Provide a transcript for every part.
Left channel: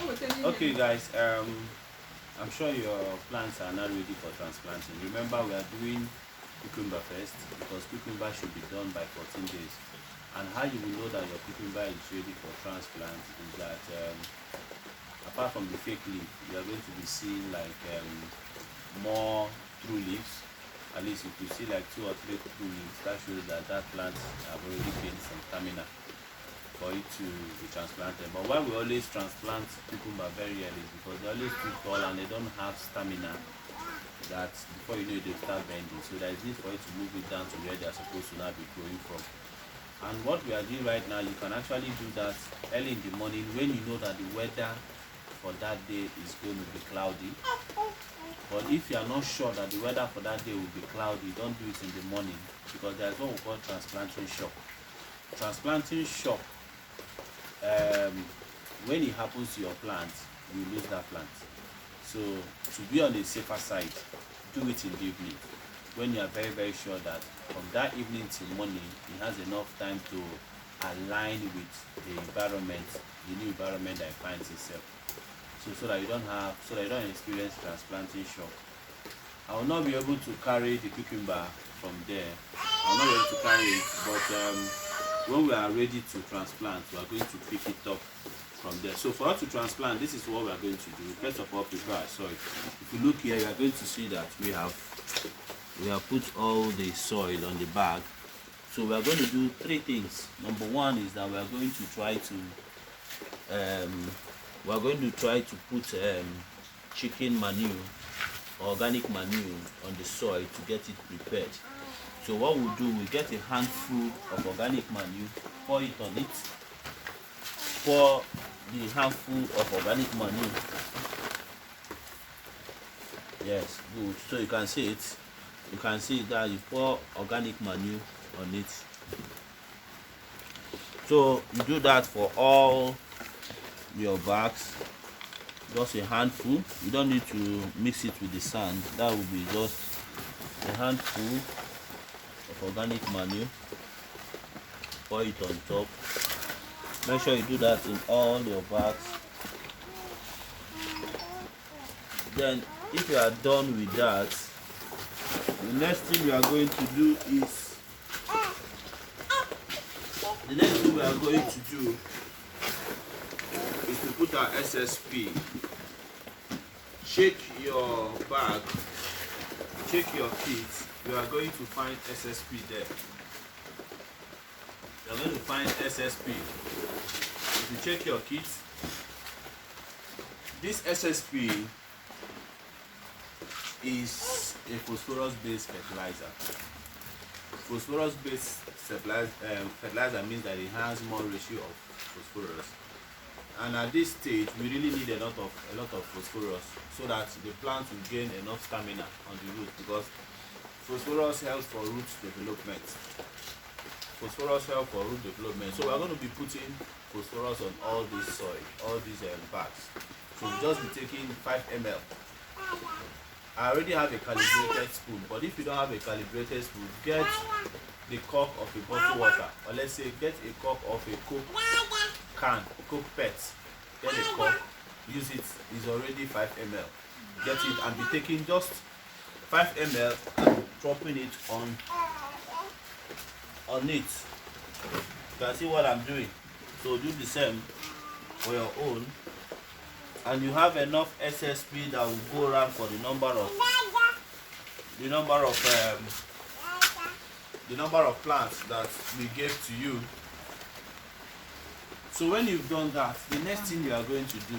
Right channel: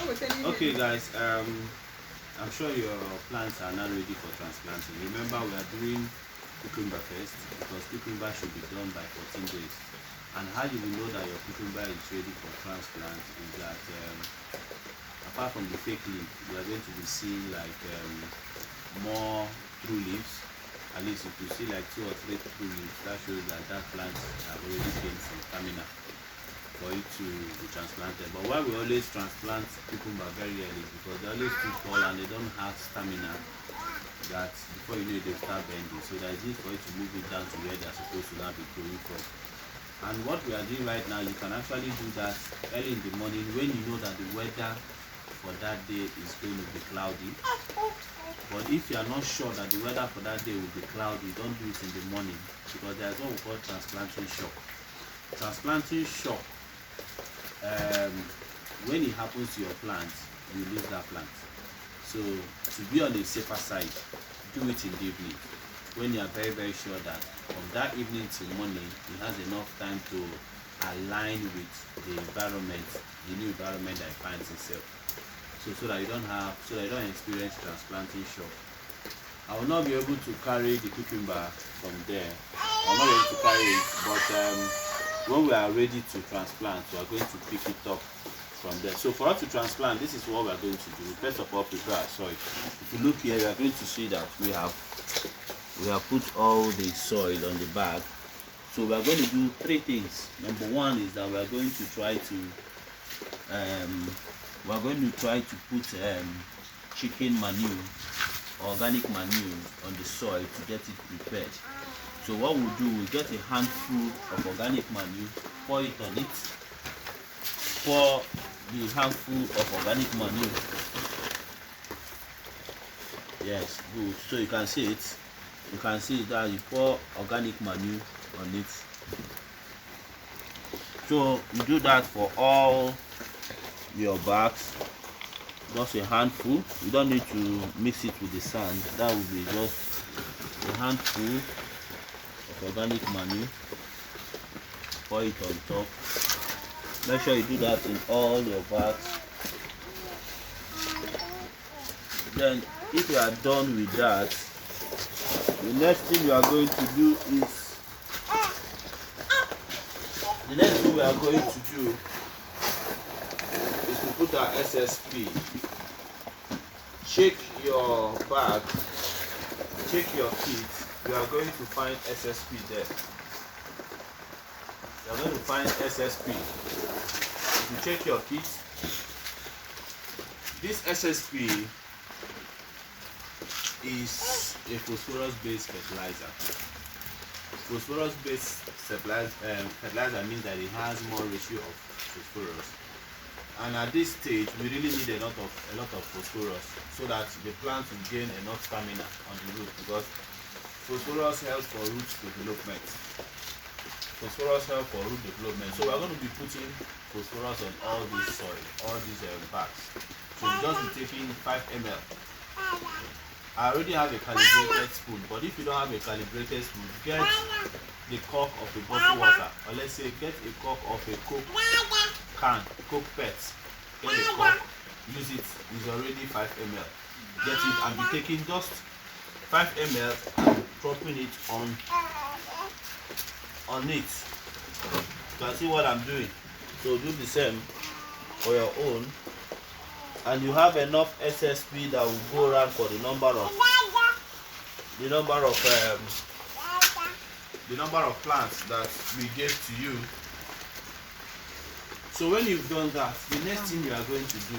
Okay, guys. I'm sure your plants are now ready for transplanting. Remember, we are doing cucumber first because cucumber should be done by 14 days. And how you will know that your cucumber is ready for transplant is that apart from the fake leaf, you are going to be seeing like more true leaves. At least if you see like 2 or 3 true leaves, that shows that that plant have already gained some stamina for it to be transplanted. But why we always transplant cucumber very early is because they're always too tall and they don't have stamina that before you know it, they start bending. So there is need for it to move it down to where they're supposed to now be growing from. And what we are doing right now, you can actually do that early in the morning when you know that the weather for that day is going to be cloudy. But if you are not sure that the weather for that day will be cloudy, don't do it in the morning because there's what we call transplanting shock. Transplanting shock, when it happens to your plant, you lose that plant. So to be on the safer side, do it in the evening when you are very sure that from that evening till morning it has enough time to align with the environment, the new environment that it finds itself. So that you don't experience transplanting shock. I will not be able to carry the cucumber from there. I will not be able to carry it, but when we are ready to transplant, we are going to pick it up from there. So for us to transplant, this is what we are going to do. First of all, prepare our soil. If you look here, you are going to see that we have put all the soil on the bag. So we are going to do 3 things. Number 1 is that we are going to try to put chicken manure, organic manure on the soil to get it prepared. So what we'll do, we'll get a handful of organic manure, pour it on it, pour the handful of organic manure. Yes, good. So you can see it. You can see that you pour organic manure on it. So you do that for all your bags, just a handful. You don't need to mix it with the sand. That will be just a handful of organic manure. Pour it on top. Make sure you do that in all your bags. Then if you are done with that, the next thing we are going to do is to put our SSP. Check your bag, check your kit. We are going to find SSP there. You are going to find SSP. If you check your kit, this SSP is a phosphorus-based fertilizer. Phosphorus-based fertilizer means that it has more ratio of phosphorus. And at this stage, we really need a lot of phosphorus so that the plant will gain enough stamina on the root, because phosphorus helps for root development. Phosphorus helps for root development. So we are going to be putting phosphorus on all this soil, all these bags. So we'll just be taking 5 ml. I already have a calibrated spoon, but if you don't have a calibrated spoon, get the cork of a bottled water, or let's say get a cork of a Coke can, a Coke pet. Get a cork, use it. It's already 5 ml. Get it and be taking just 5 ml and dropping it on it. You can see what I'm doing. So do the same for your own. And you have enough SSP that will go around for the number of plants that we gave to you. So when you've done that, the next thing you are going to do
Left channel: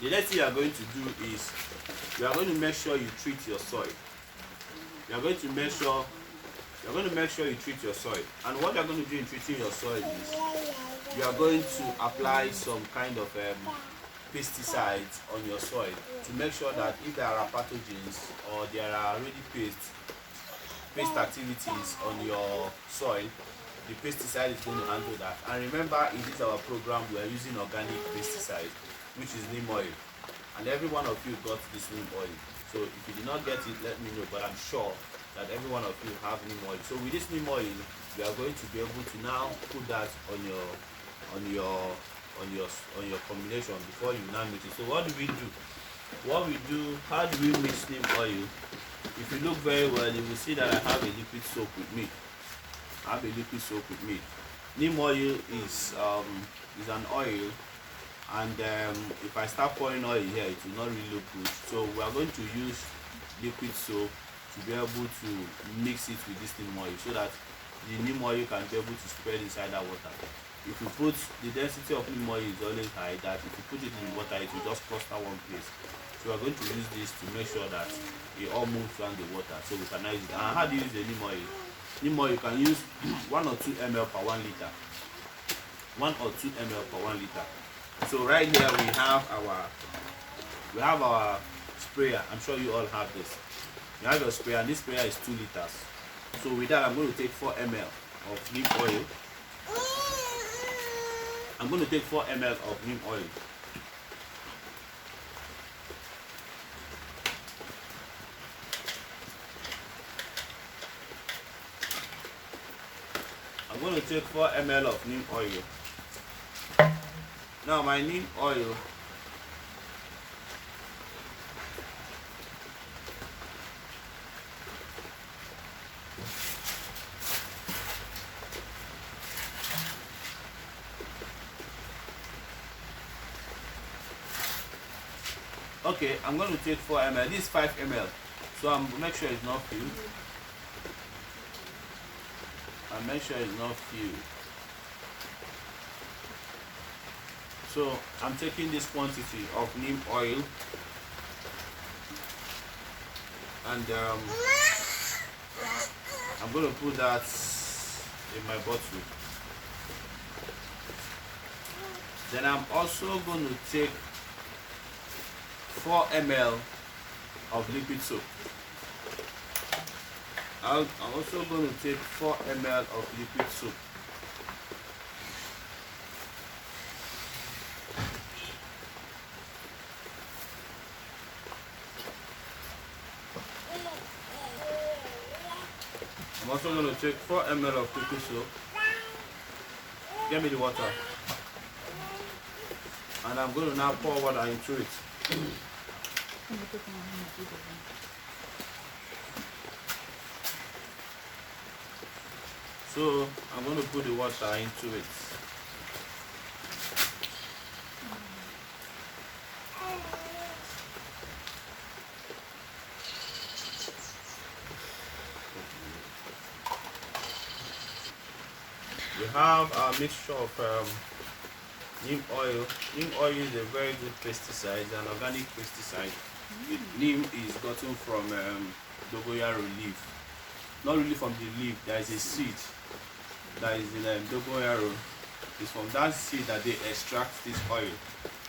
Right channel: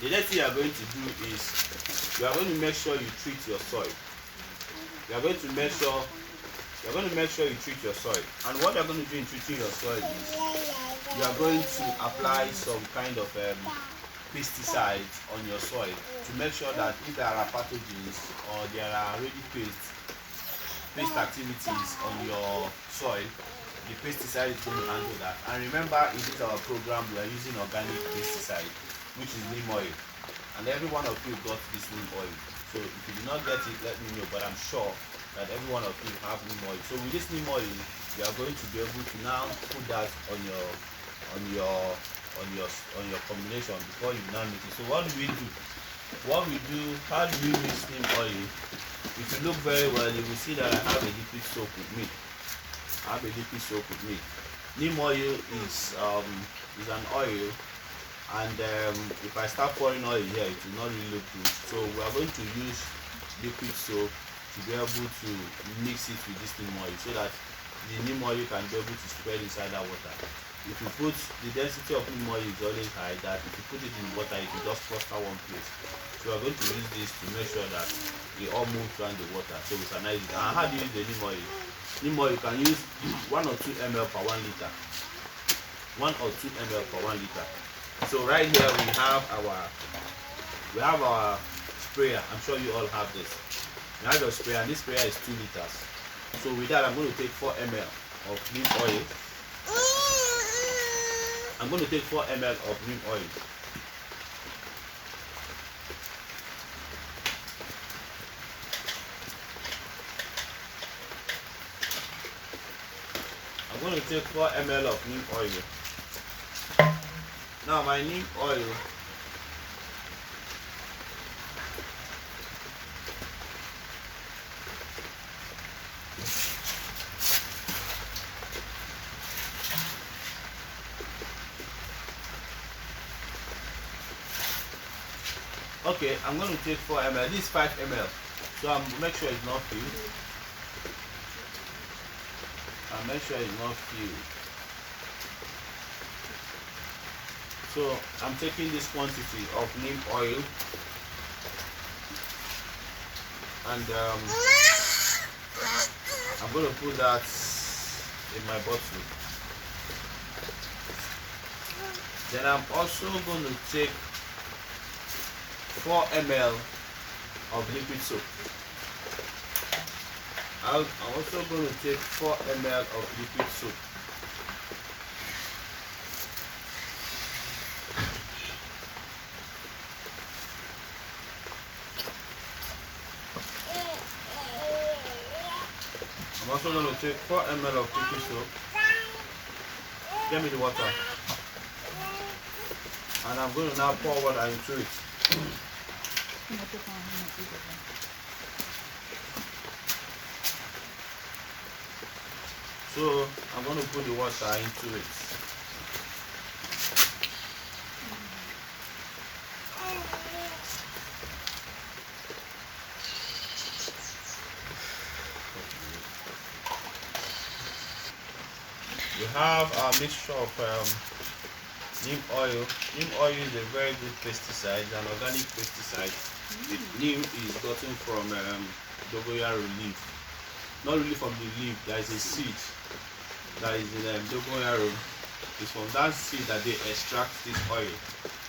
the next thing you are going to do is you are going to make sure you treat your soil. You are going to make sure you treat your soil. And what you are going to do in treating your soil is you are going to apply some kind of pesticides on your soil to make sure that if there are pathogens or there are already pest activities on your soil, the pesticide is going to handle that. And remember, in this our program, we are using organic pesticide, which is neem oil. And every one of you got this neem oil. So if you did not get it, let me know. But I'm sure that every one of you have neem oil. So with this neem oil, you are going to be able to now put that on your on your combination before you now mix it. So what do we do? How do we mix neem oil? If you look very well, you will see that I have a liquid soap with me. Neem oil is an oil, and if I start pouring oil here, it will not really look good. So we are going to use liquid soap to be able to mix it with this neem oil, so that the neem oil can be able to spread inside that water. If you put the density of neem oil is always high, that if you put it in water, it will just cluster one place. So we are going to use this to make sure that it all moves around the water, so we can use it. And how do you use the neem oil? Neem oil you can use 1 or 2 ml per 1 liter. 1 or 2 ml per 1 liter. So right here we have our sprayer. I'm sure you all have this. You have your sprayer, and this sprayer is 2 liters. So with that, I'm going to take 4 ml of neem oil. I'm going to take 4 ml of neem oil. I'm going to take 4 ml of neem oil. Now my neem oil, okay, I'm going to take 4 ml. This is 5 ml. So I'm make sure it's not filled. So I'm taking this quantity of neem oil, and I'm going to put that in my bottle. Then I'm also going to take 4 ml of liquid soap. I'm also going to take 4 ml of liquid soap. I'm also going to take 4 ml of liquid soap. Get me the water. And I'm going to now pour water into it. So I'm going to put the water into it. We have a mixture of neem oil. Neem oil is a very good pesticide, an organic pesticide. Neem is gotten from dogoyaro leaf. Not really from the leaf, there is a seed that is in dogoyaro. It's from that seed that they extract this oil.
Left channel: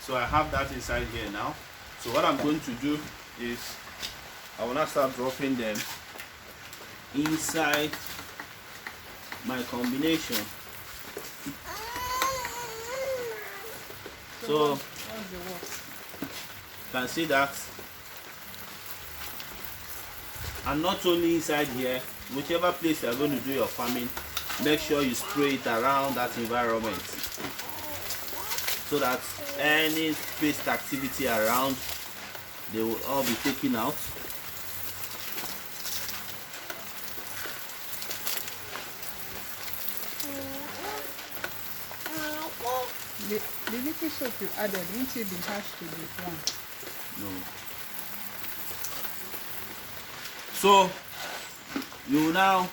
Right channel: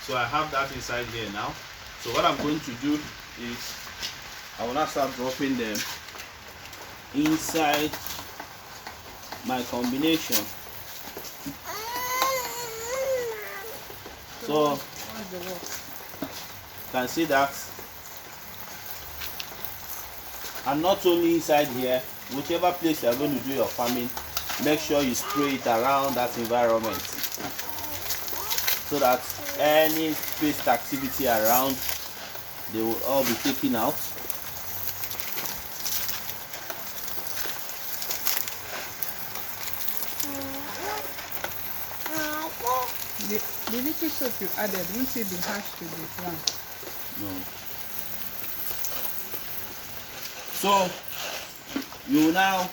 So I have that inside here now. So what I'm going to do is I will now start dropping them inside my combination. So you can see that. And not only inside here, whichever place you are going to do your farming, make sure you spray it around that environment, so that any pest activity around, they will all be taken out. The liquid soap you added, won't it be harsh to the plant? No. So you will now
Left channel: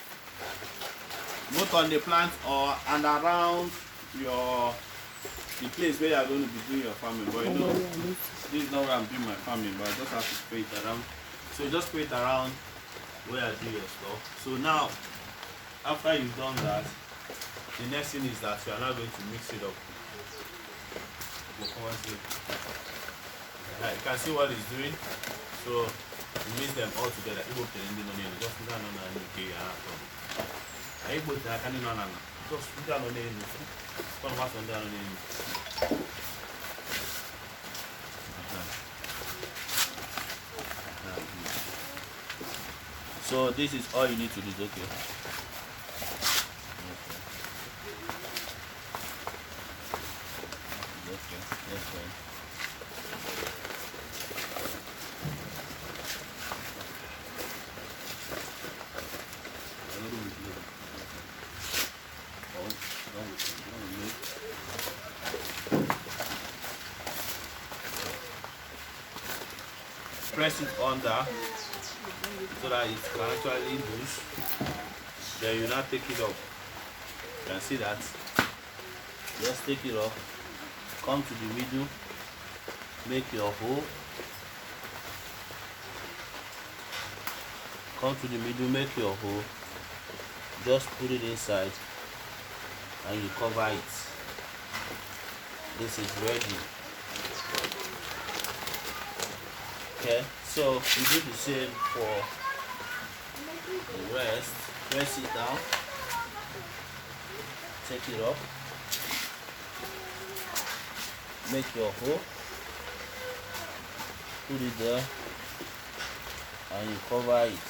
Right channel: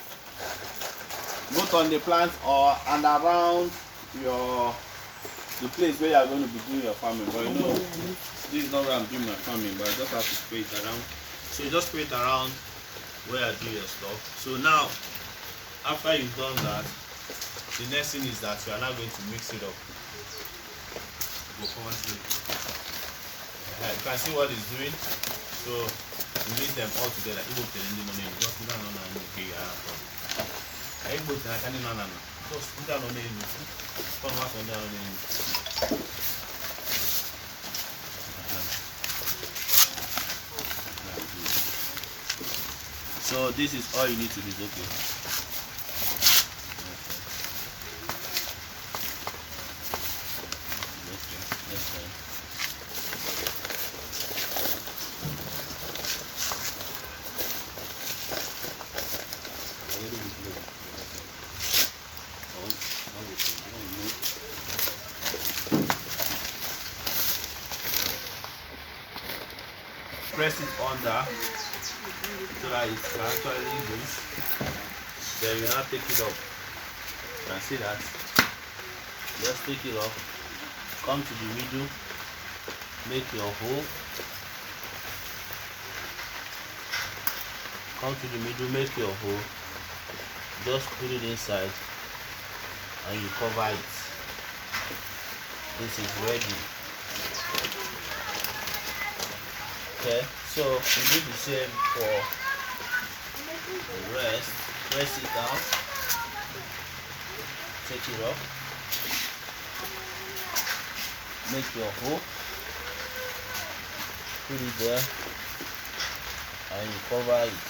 both on the plant or and around the place where you are going to be doing your farming. But you know, this is not where I'm doing my farming, but I just have to spray it around. So you just spray it around where I do your stuff. So now, after you've done that, the next thing is that you are now going to mix it up. You can see what it's doing. So you mix them all together. So this is all you need to do. Okay. Okay. A little bit low. Oh, now we can move. Press it under so that it can actually loose. Then we now take it off. You can see that. Just take it off. Come to the middle. Make your hole. Come to the middle, make your hole. Just put it inside and you cover it. This is ready. Okay, so we do the same for the rest. Press it down. Take it up. Make your hole. Put it there and you cover it.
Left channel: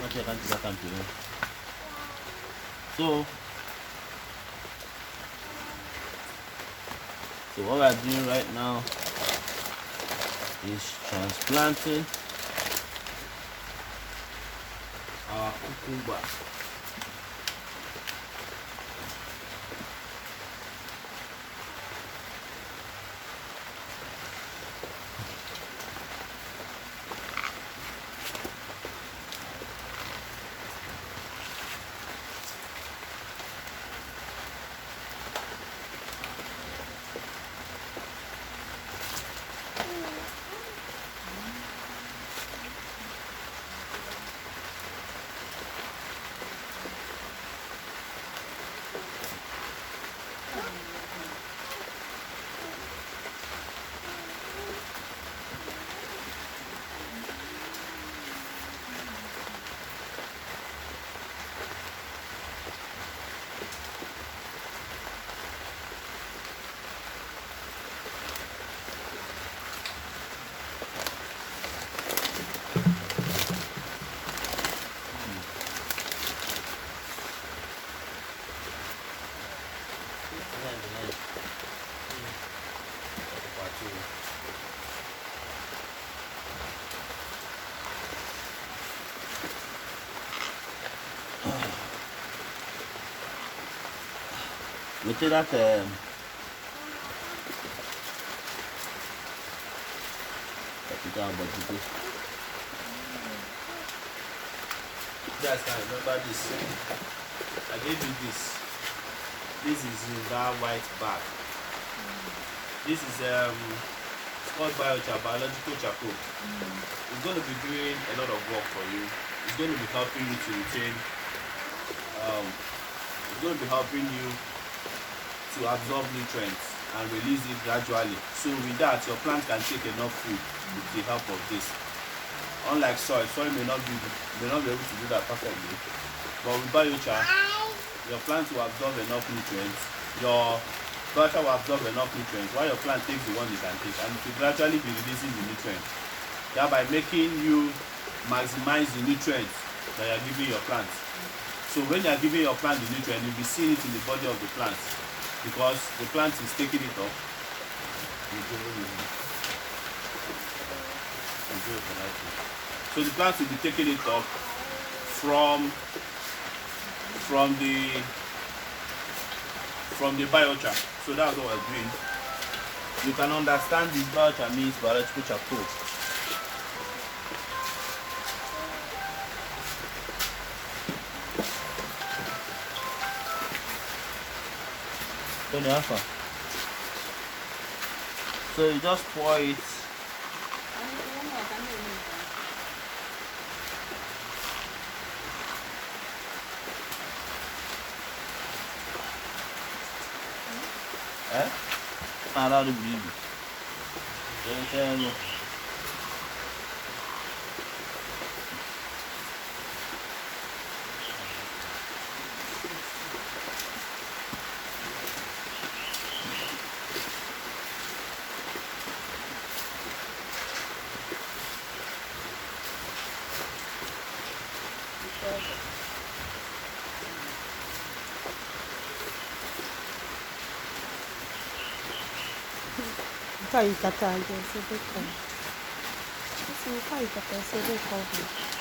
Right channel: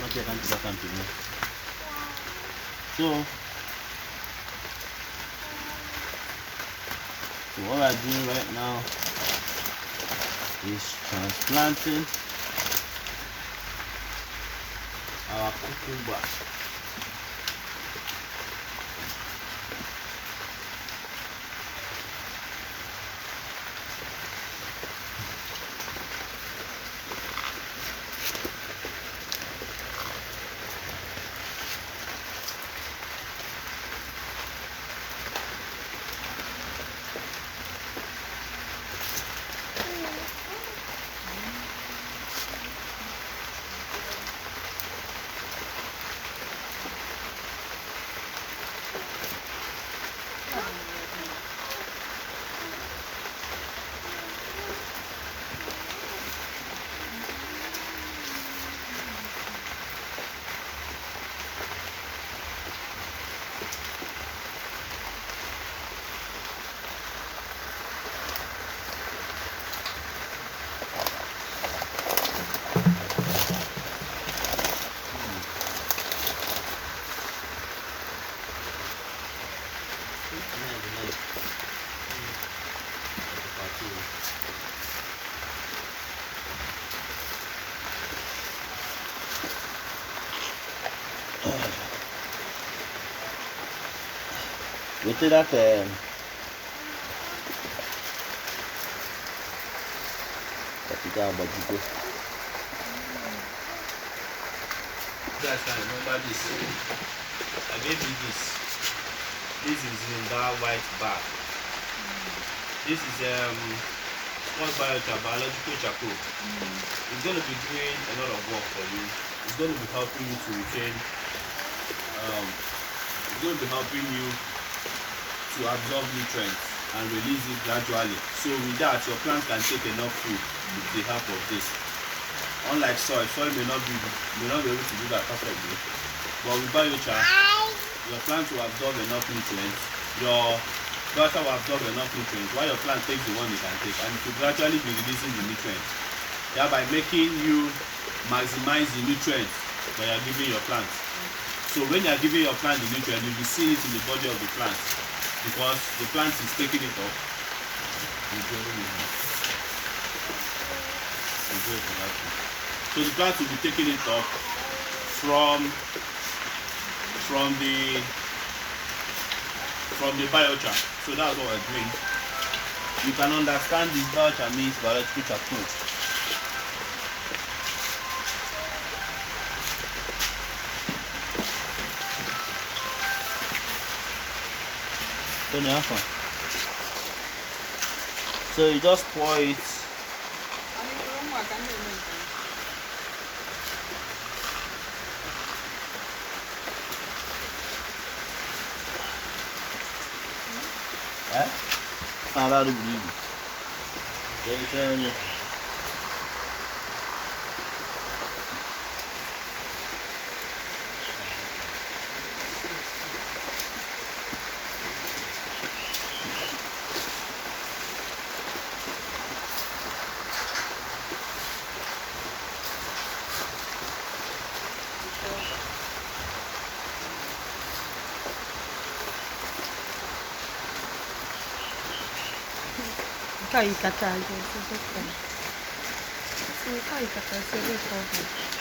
Okay, continue. So what we are doing right now is transplanting our cucumber. We take that capital Bajico. You guys can remember this. I gave you this. This is in that white bag. This is called Biochar, biological charcoal. It's going to be doing a lot of work for you. It's going to be helping you to retain. It's going to be helping you to absorb nutrients and release it gradually. So with that, your plant can take enough food with the help of this. Unlike soil may not be able to do that perfectly. But with biochar, your plant will absorb enough nutrients. Your biochar will absorb enough nutrients while your plant takes the one you can take, and it will gradually be releasing the nutrients, thereby making you maximize the nutrients that you are giving your plant. So when you are giving your plant the nutrient, you'll be seeing it in the body of the plant, because the plant is taking it up. So the plant will be taking it up from the biochar. So that's what we're doing. You can understand this biochar means biological charcoal. So you just pour it. Eh? I don't believe it. Kai kata je, so they come. So kai kata, so they come.